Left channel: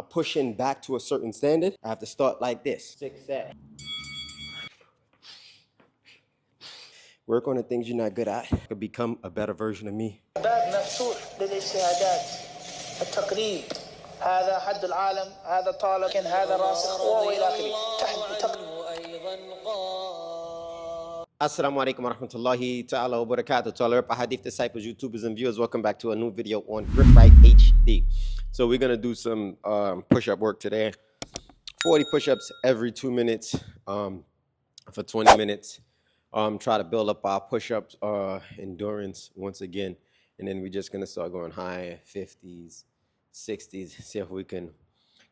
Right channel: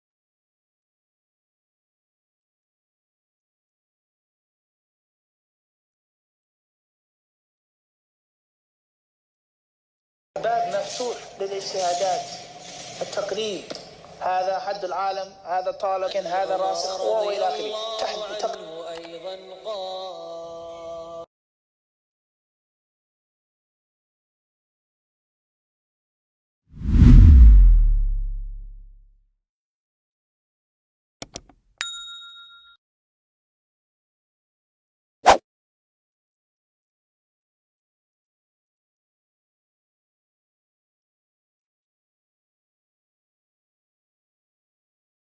my pushing back to a certain standard, I have to start like this. 6 sets. Work on the things you're not good at to become a better version of me. باب مفتوح للاجتهادات التقليد هذا حد العالم هذا طالب هذا راسخ والى اخره. Assalamu alaikum wa rahmatullahi ta'ala wa barakatuh. To all our hadith disciples, YouTubers, and viewers, welcome back to a new video on Grip HD. So we're going to do some push-up work today. 40 push-ups every 2 minutes for 20 minutes. Try to build up our push-ups endurance once again. And then we're just going to start going high, 50s, 60s, see if we can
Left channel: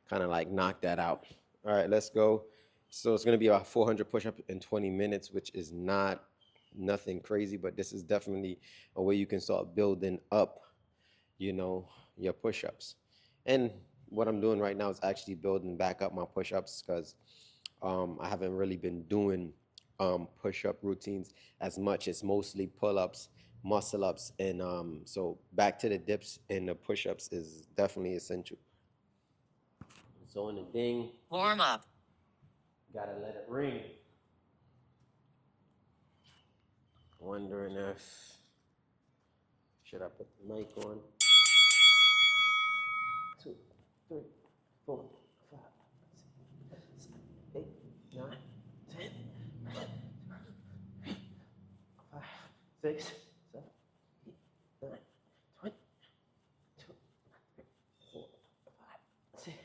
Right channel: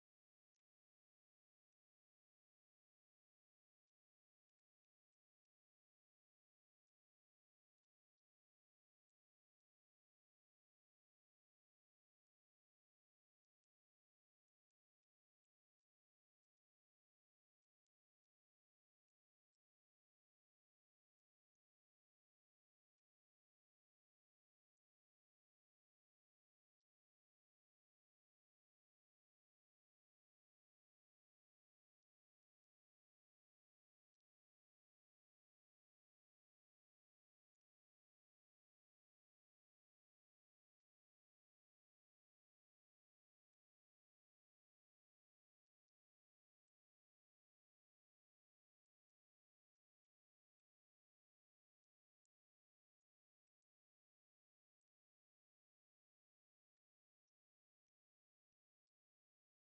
kind of like knock that out. All right, let's go. So it's going to be about 400 push-ups in 20 minutes, which is nothing crazy, but this is definitely a way you can start building up, you know, your push-ups. And what I'm doing right now is actually building back up my push-ups because I haven't really been doing push-up routines as much. It's mostly pull-ups, muscle-ups, and so back to the dips and the push-ups is definitely essential. So in the ding, warm up. Gotta let it ring. Wondering if should I put the mic on? 2, 3, 4, 5, 6, 7, 8, 9, 10, 5, 6, 7, 8, 9, 20, 2, 3, 4, 5, 6, 7,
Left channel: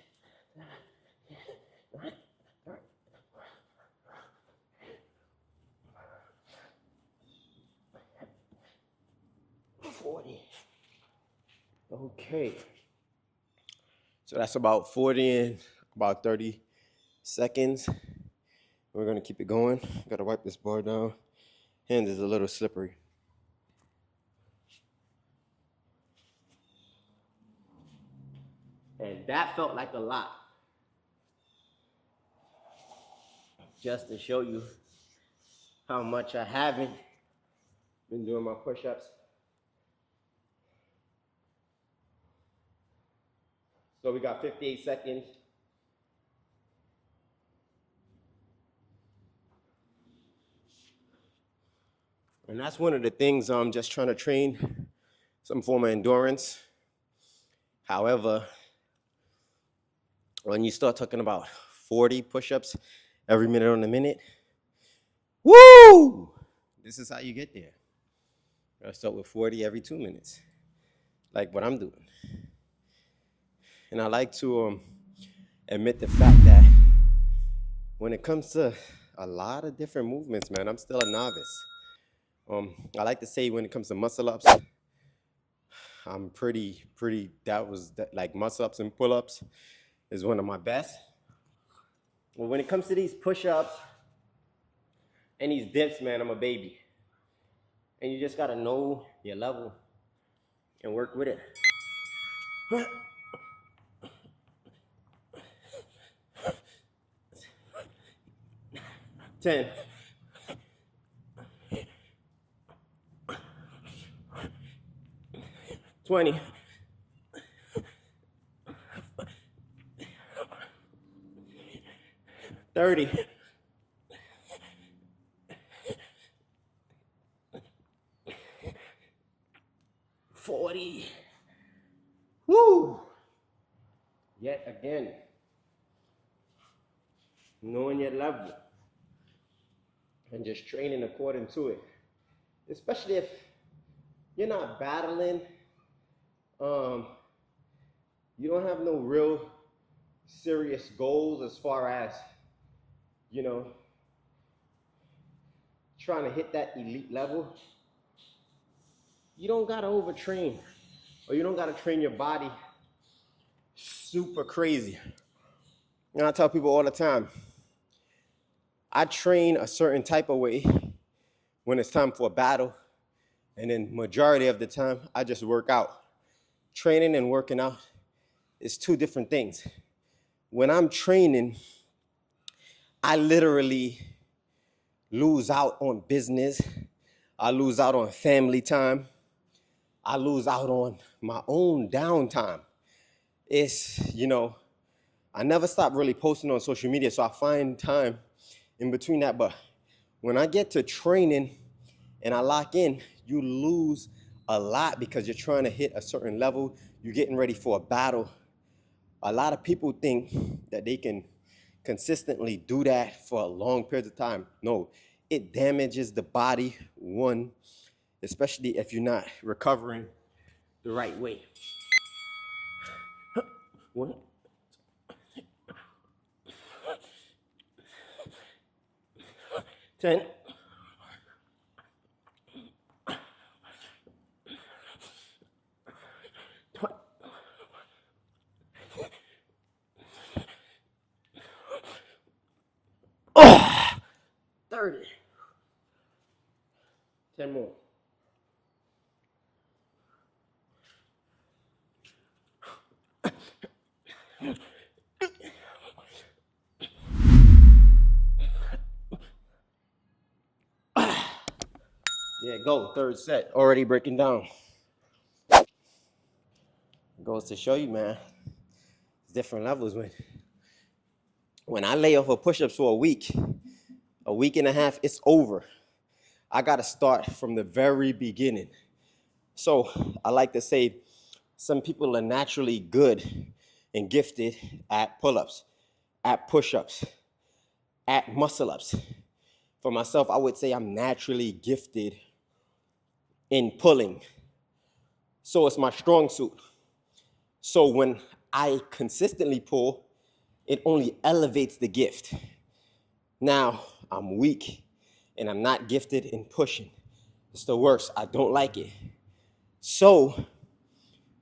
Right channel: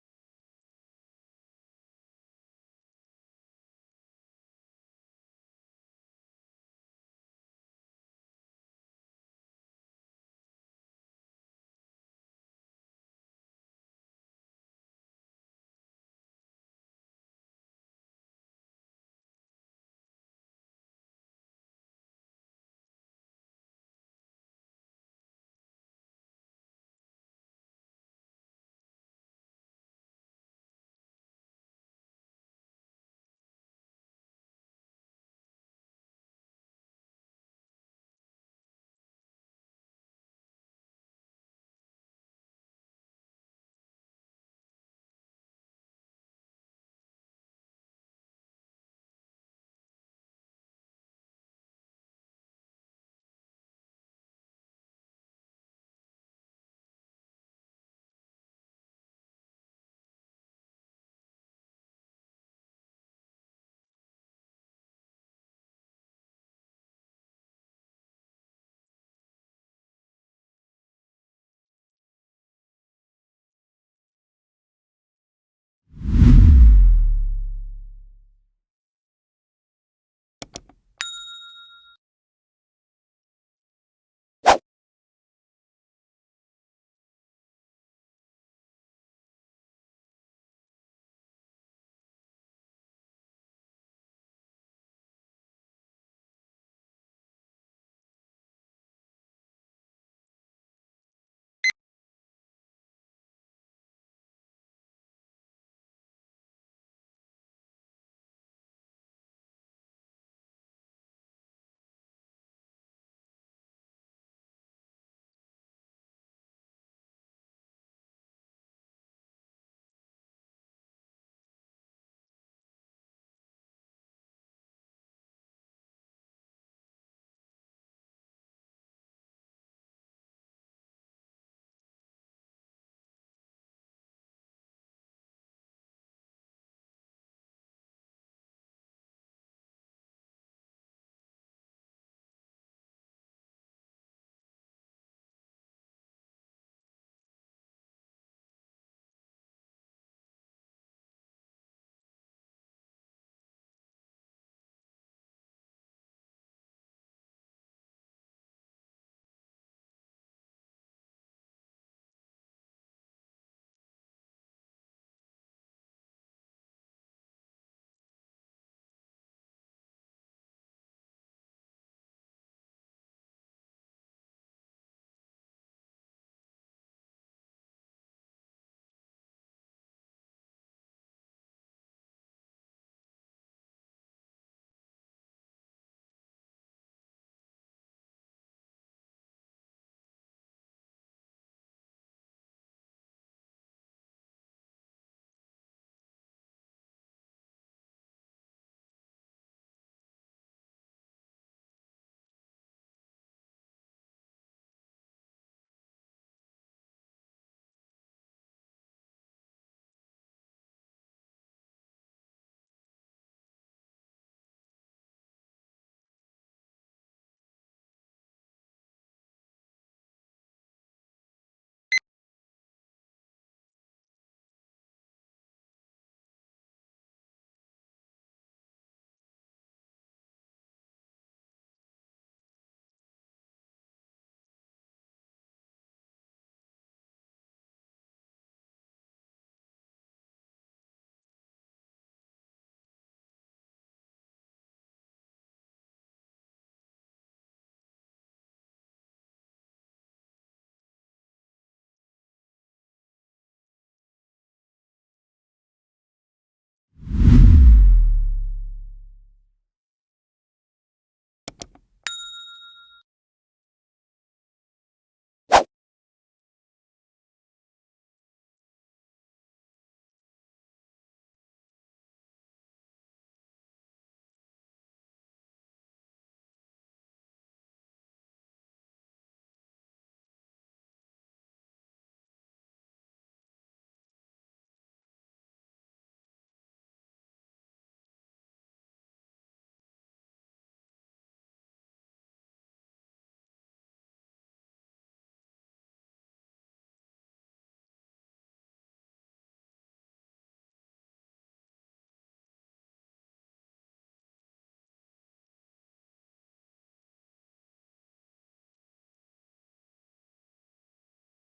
8, 9, 30. 40. Okay. So that's about 40 in about 30 seconds. We're going to keep it going. Got to wipe this bar down. Hand is a little slippery. And that felt like a lot. Just to show you how much I haven't been doing my push-ups. So we got 58 seconds. And that's one of the things I'm just trying to train some form of endurance. However, when you start talking about 40 push-ups every minute on the minute, woo! This is how you get there. I start with 40 every 2 minutes, like what I'm doing. And I like to admit the fact that when it comes to a lot of different movements, man, I'm still a novice. I like to say when it comes to muscle-ups, I'm like muscle-ups and pull-ups is one of my best. Well, when it comes to these push-ups and these dips, man, I'm a baby. And you just gotta know your level and work with it. 10. 20. 30. 40. Woo! Yet again, knowing your level and just training according to it. Especially if you're not battling, you don't have no real serious goals as far as, you know, trying to hit that elite level. You don't gotta overtrain, or you don't gotta train your body super crazy. And I tell people all the time, I train a certain type of way when it's time for a battle, and then majority of the time, I just work out. Training and working out is two different things. When I'm training, I literally lose out on business. I lose out on family time. I lose out on my own downtime. It's, you know, I never stop really posting on social media, so I find time in between that. But when I get to training and I lock in, you lose a lot because you're trying to hit a certain level. You're getting ready for a battle. A lot of people think that they can consistently do that for a long period of time. No, it damages the body, one, especially if you're not recovering the right way. One, 10. Oh, 30. 10 more. Yeah, go. Third set. Already breaking down. Goes to show you, man, different levels. When I lay off of push-ups for a week and a half, it's over. I got to start from the very beginning. So I like to say some people are naturally good and gifted at pull-ups, at push-ups, at muscle-ups. For myself, I would say I'm naturally gifted in pulling. So it's my strong suit. So when I consistently pull, it only elevates the gift. Now I'm weak and I'm not gifted in pushing. It's the worst. I don't like it. So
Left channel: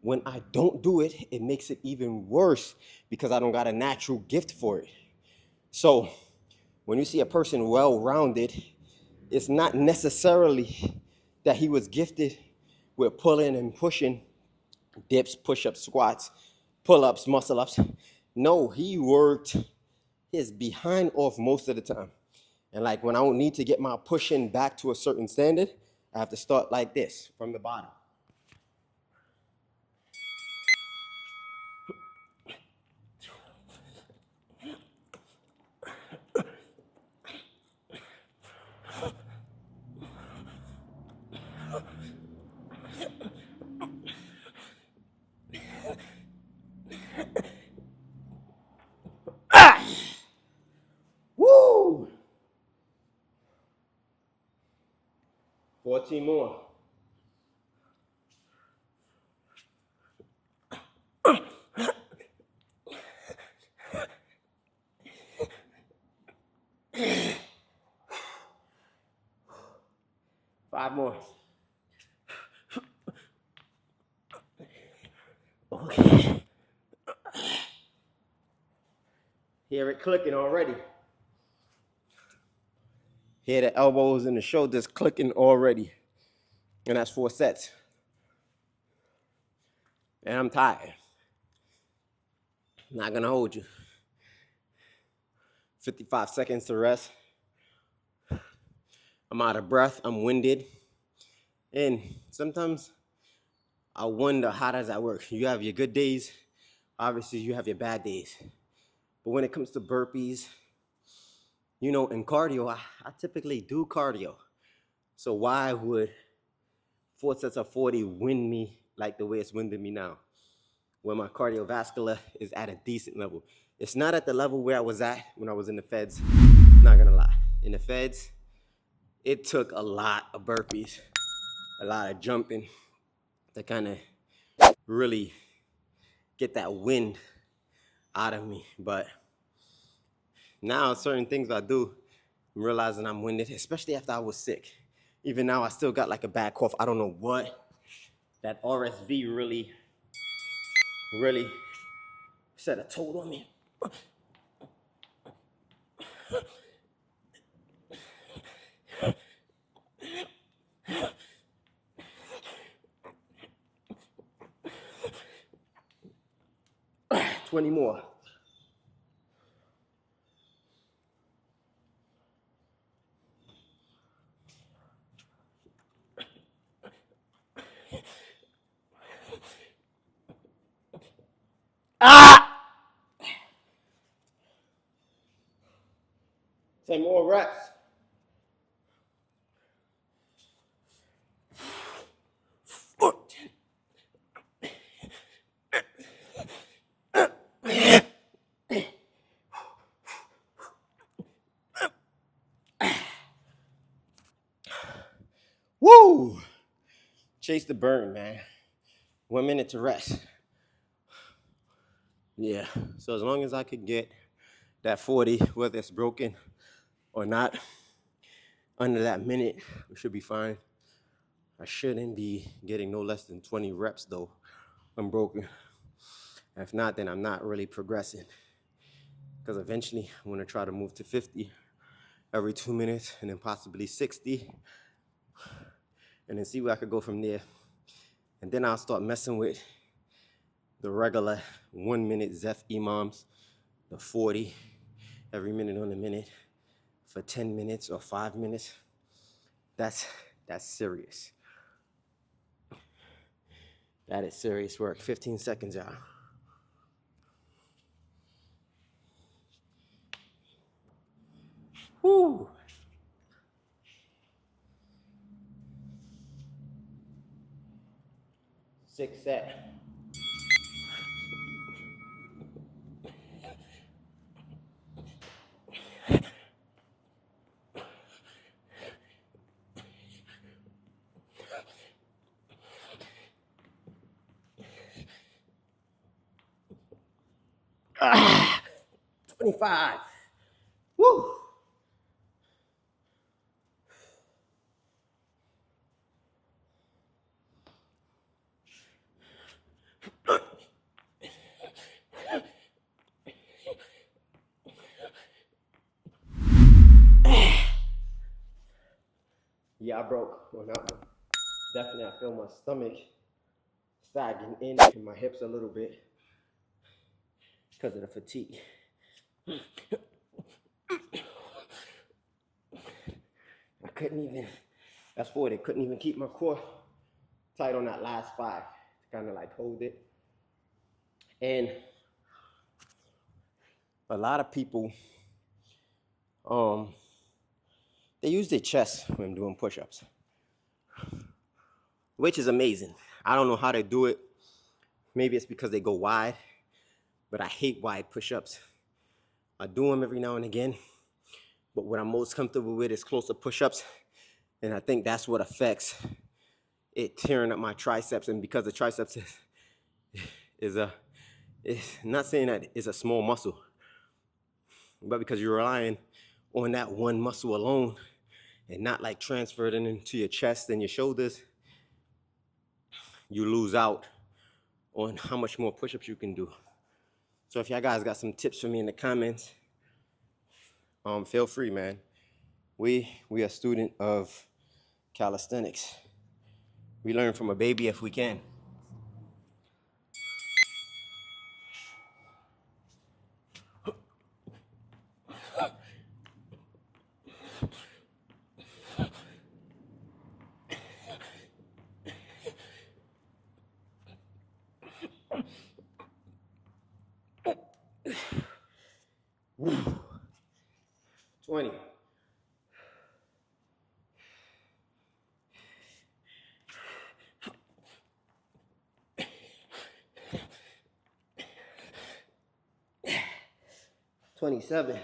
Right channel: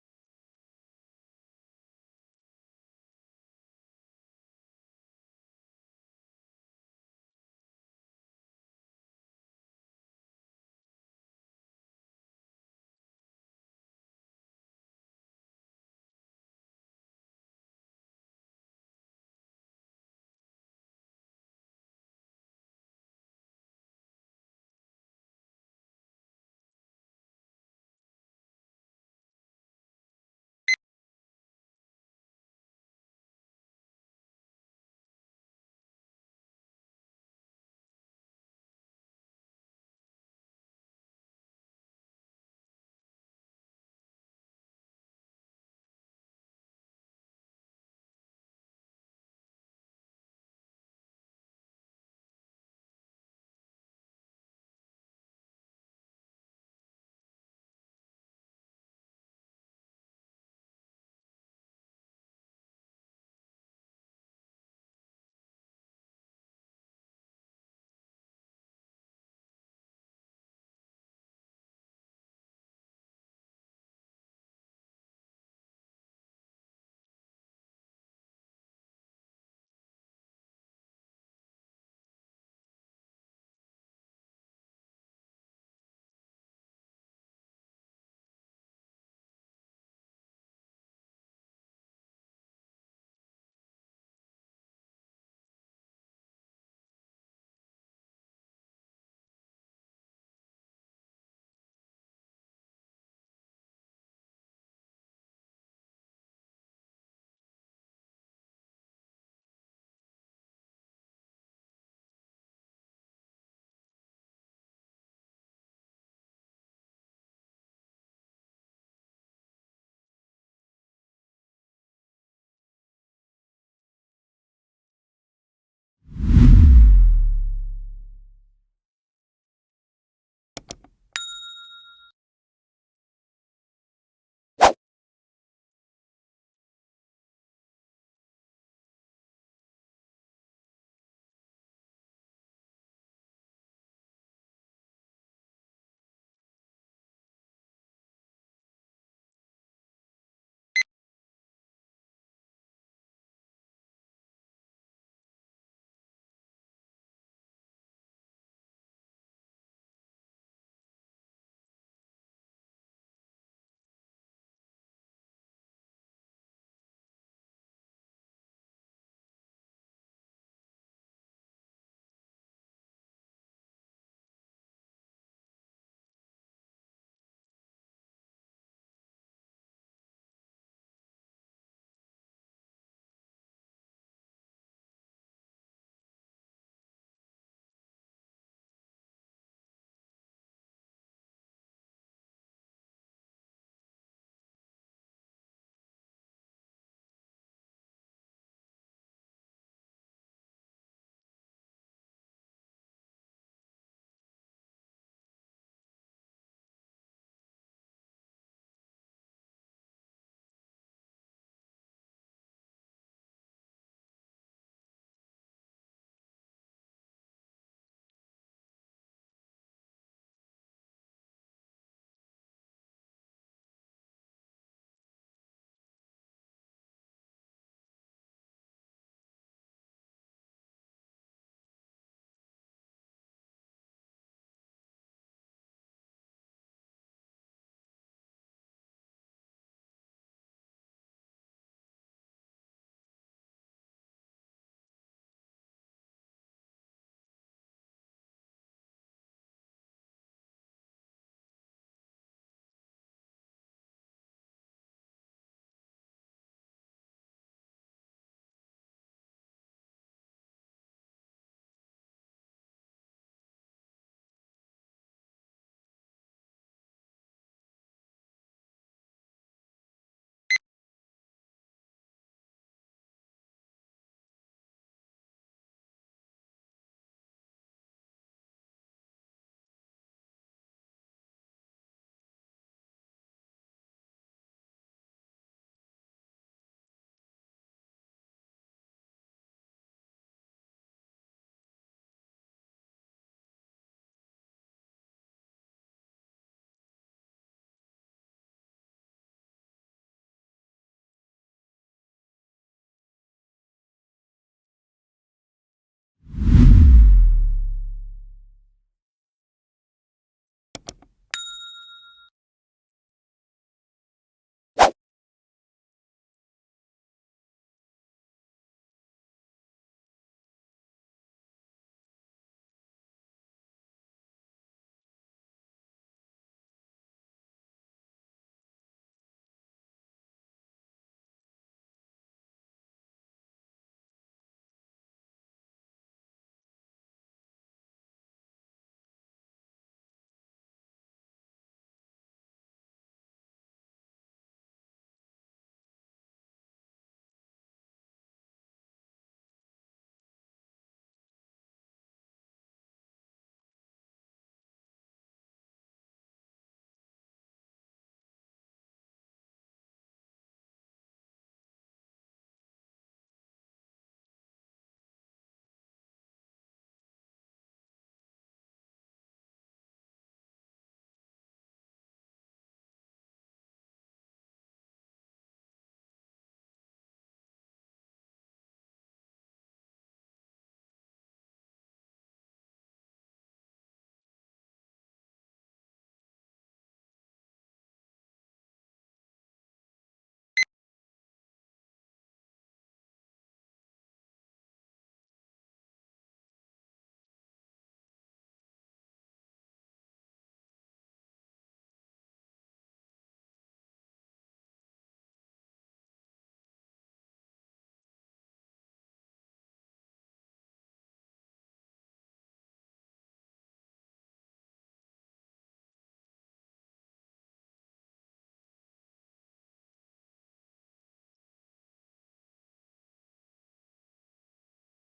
when I don't do it, it makes it even worse because I don't got a natural gift for it. So when you see a person well-rounded, it's not necessarily that he was gifted with pulling and pushing, dips, push-ups, squats, pull-ups, muscle-ups. No, he worked his behind off most of the time. And like when I don't need to get my pushing back to a certain standard, I have to start like this from the bottom. Ah! Woo! 14 more. Five more. Okay. Hear it clicking already. Hear the elbows and the shoulders clicking already. And that's 4 sets. And I'm tired. Not gonna hold you. 55 seconds to rest. I'm out of breath, I'm winded. And sometimes I wonder, how does that work? You have your good days, obviously you have your bad days. But when it comes to burpees, you know, in cardio, I typically do cardio. So why would 4 sets of 40 win me like the way it's winding me now, when my cardiovascular is at a decent level? It's not at the level where I was at when I was in the feds, not gonna lie. In the feds, it took a lot of burpees, a lot of jumping to kind of really get that wind out of me. But now certain things I do, I'm realizing I'm winded, especially after I was sick. Even now, I still got like a bad cough. I don't know what. That RSV really set a toll on me. Twenty more. Ah! 10 more reps. Woo! Chase the burn, man. 1 minute to rest. Yeah, so as long as I could get that 40, whether it's broken or not, under that minute, we should be fine. I shouldn't be getting no less than 20 reps though, unbroken. If not, then I'm not really progressing. Because eventually I'm gonna try to move to 50 every 2 minutes and then possibly 60. And then see where I could go from there. And then I'll start messing with the regular 1 minute Zeph imams, the 40 every minute on the minute for 10 minutes or 5 minutes. That's serious. That is serious work. 15 seconds, y'all. Woo! 6 set. Ah, 25. Woo! Yeah, I broke one up. Definitely, I feel my stomach sagging in and my hips a little bit because of the fatigue. I couldn't even, that's 40, couldn't even keep my core tight on that last 5 to kind of like hold it. And a lot of people, they use their chest when doing push-ups, which is amazing. I don't know how they do it. Maybe it's because they go wide, but I hate wide push-ups. I do them every now and again, but what I'm most comfortable with is closer push-ups, and I think that's what affects it tearing up my triceps. And because the triceps is not saying that it's a small muscle, but because you're relying on that one muscle alone and not like transferred into your chest and your shoulders, you lose out on how much more push-ups you can do. So if y'all guys got some tips for me in the comments, feel free, man. We are a student of calisthenics. We learn from a baby if we can. Woo. 20. $27.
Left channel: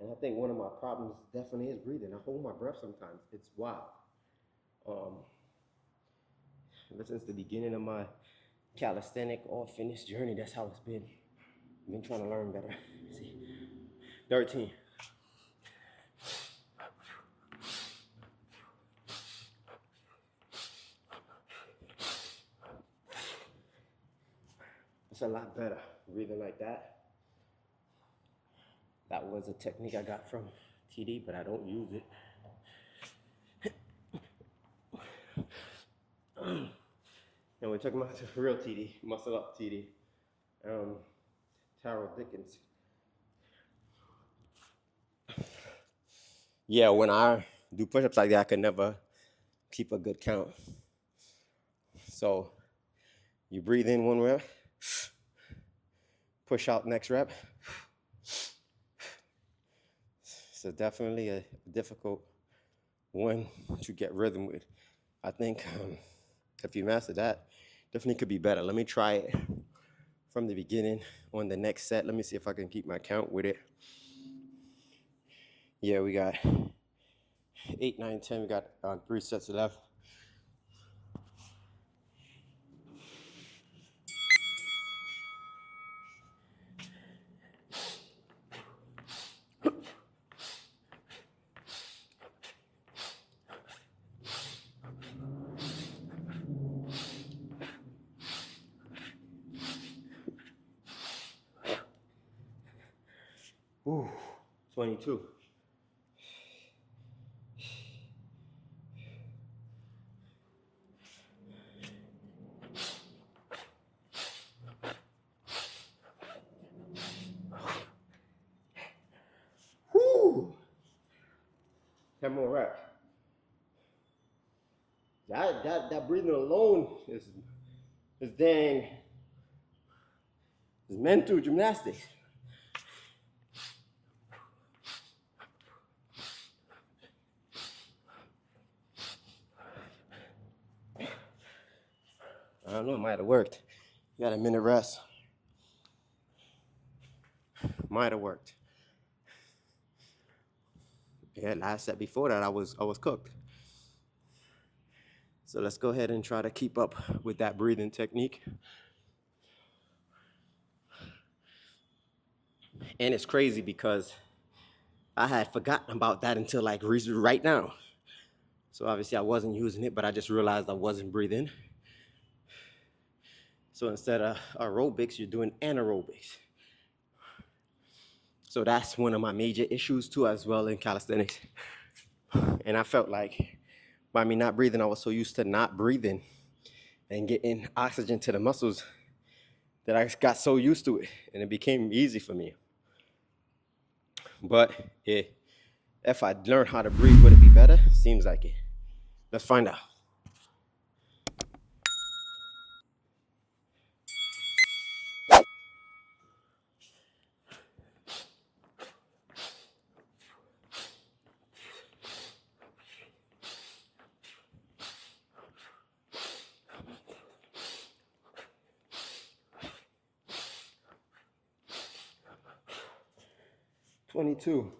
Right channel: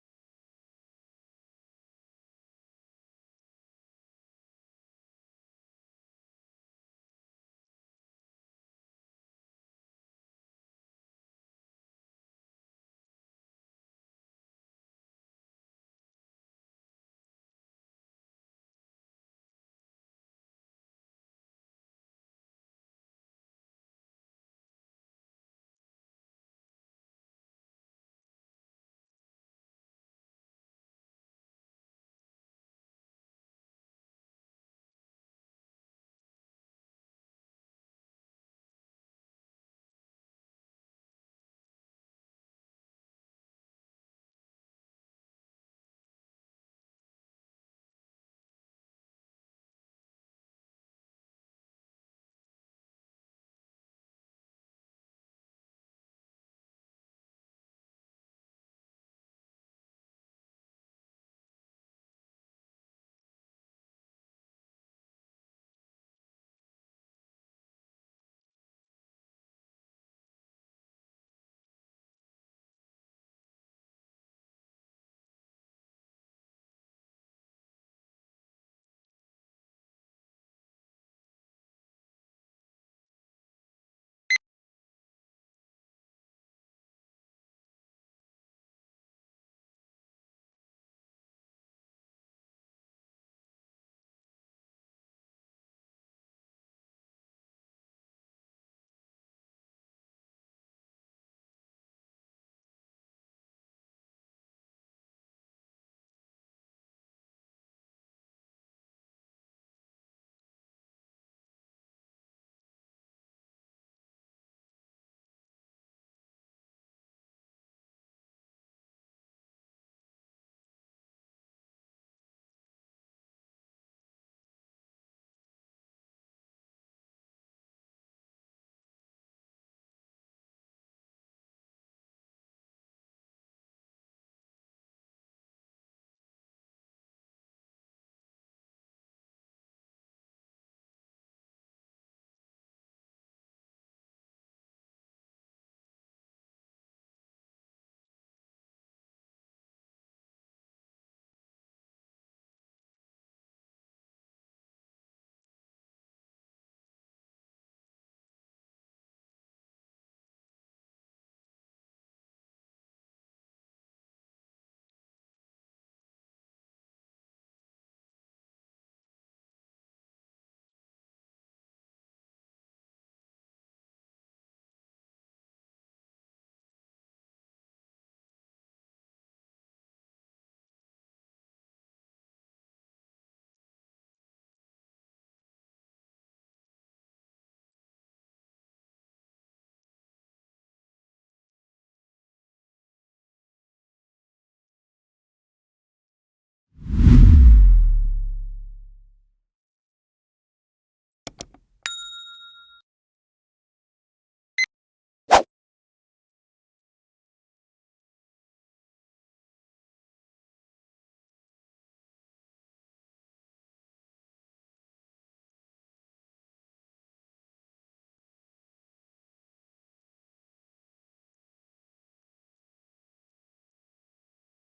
And I think one of my problems definitely is breathing. I hold my breath sometimes. It's wild. Ever since the beginning of my calisthenic or fitness journey, that's how it's been. I've been trying to learn better. See, 13. It's a lot better breathing like that. That was a technique I got from TD, but I don't use it. And we're talking about the real TD, Muscle Up TD, 𝗪𝗏𝗥𝗚𝗏. Yeah, when I do push-ups like that, I can never keep a good count. So you breathe in 1 rep, push out next rep. So definitely a difficult one to get rhythm with. I think if you master that, definitely could be better. Let me try it from the beginning on the next set. Let me see if I can keep my count with it. Yeah, we got 8, 9, 10. We got 3 sets left. Ooh, 22. Woo! 10 more reps. That breathing alone is dang. It's mental gymnastics. I don't know, it might have worked. You got a minute rest. Might have worked. Yeah, last set before that I was cooked. So let's go ahead and try to keep up with that breathing technique. And it's crazy because I had forgotten about that until like right now. So obviously I wasn't using it, but I just realized I wasn't breathing. So instead of aerobics, you're doing anaerobics. So that's one of my major issues too as well in calisthenics. And I felt like by me not breathing, I was so used to not breathing and getting oxygen to the muscles that I got so used to it, and it became easy for me. But if I learn how to breathe, would it be better? Seems like it. Let's find out. "22.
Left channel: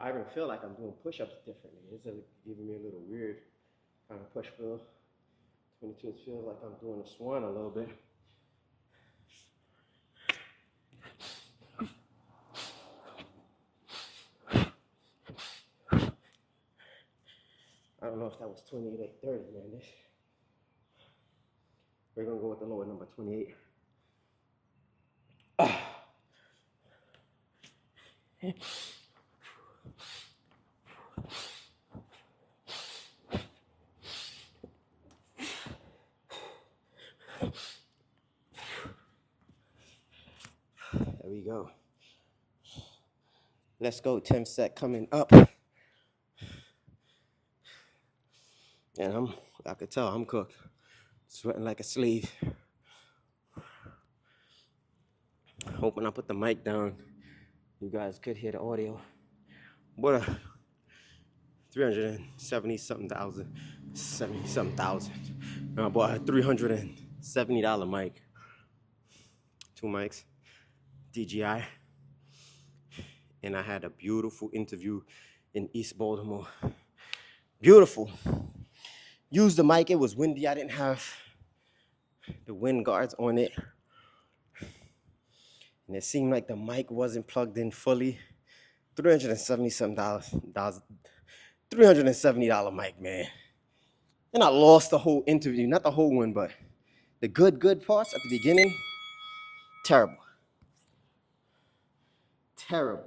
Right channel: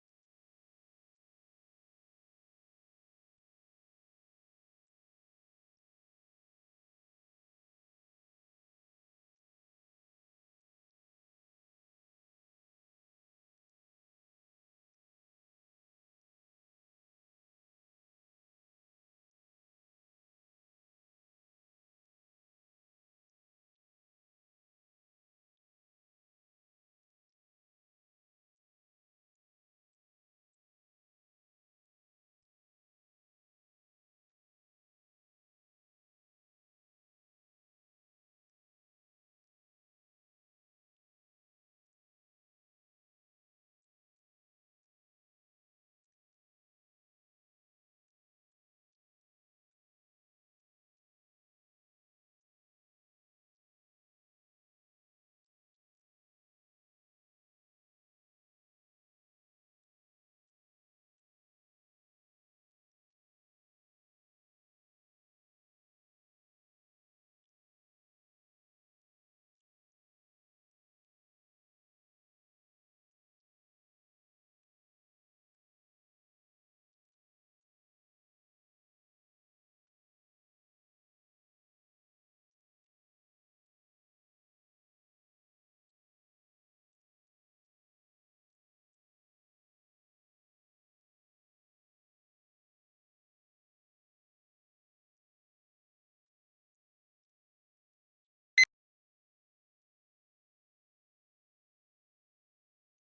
I even feel like I'm doing push-ups differently. It's giving me a little weird kind of push feel. 22, it feels like I'm doing a swan a little bit. I don't know if that was 28, 30, man. We're gonna go with the lower number, 28. There we go. Let's go, 10th set coming up. And I could tell I'm cooked. Sweating like a slave. Hoping I put the mic down, you guys could hear the audio. What a 370-something thousand. I bought a $370 mic. 2 mics, DJI. And I had a beautiful interview in East Baltimore. Beautiful. Used the mic, it was windy. I didn't have the wind guards on it. And it seemed like the mic wasn't plugged in fully. $370-something. $370 mic, man. And I lost the whole interview. Not the whole one, but the good parts at the beginning. Terrible. Terrible.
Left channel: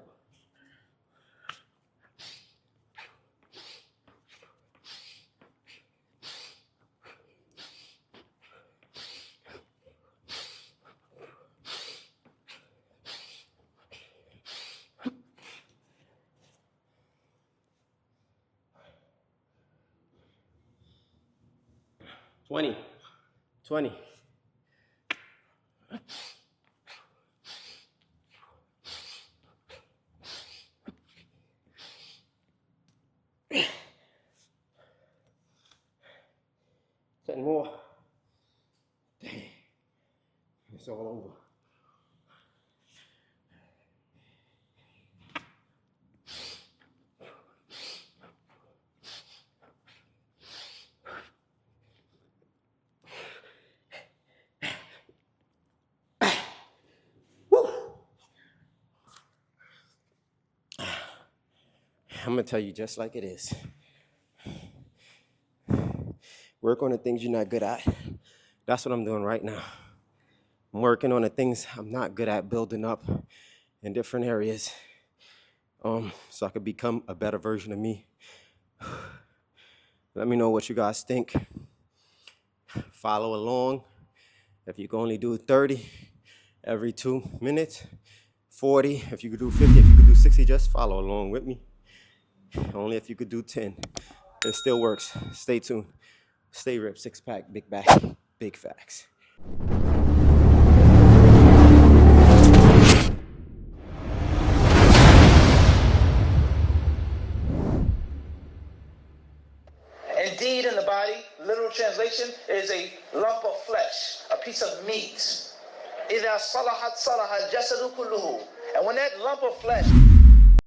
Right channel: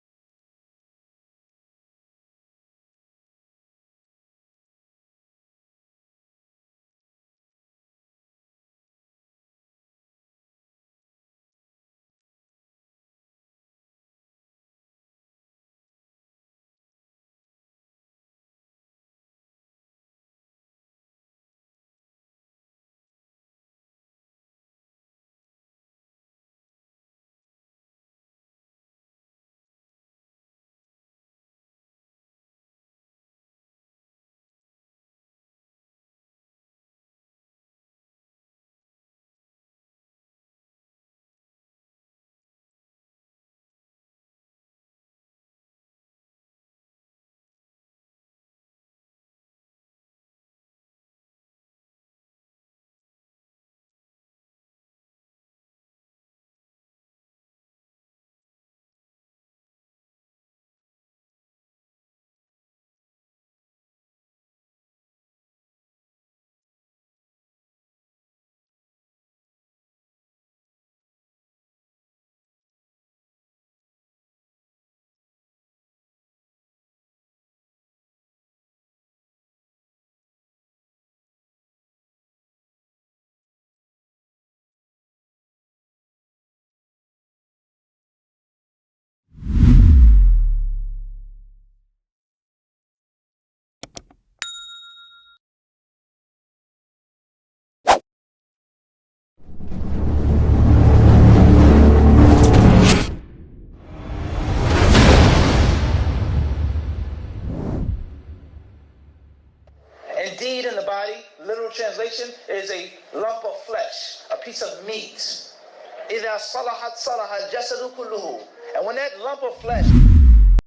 $20. I'm gonna tell you just like it is. Work on the things you're not good at. That's what I'm doing right now. I'm working on the things I'm not good at, building up in different areas, so I could become a better version of me. Let me know what you guys think. Follow along. If you can only do 30 every 2 minutes, 40, if you could do 50, if you could do 60, just follow along with me. Only if you could do 10. It still works. Stay tuned. Stay ripped, six pack, big back, big facts. Indeed, in the body, literal translation, is a lump of flesh, a piece of meat. إِذَا صَلَحَتْ صَلَحَ الْجَسَدُ كُلُّهُ. And when that lump of flesh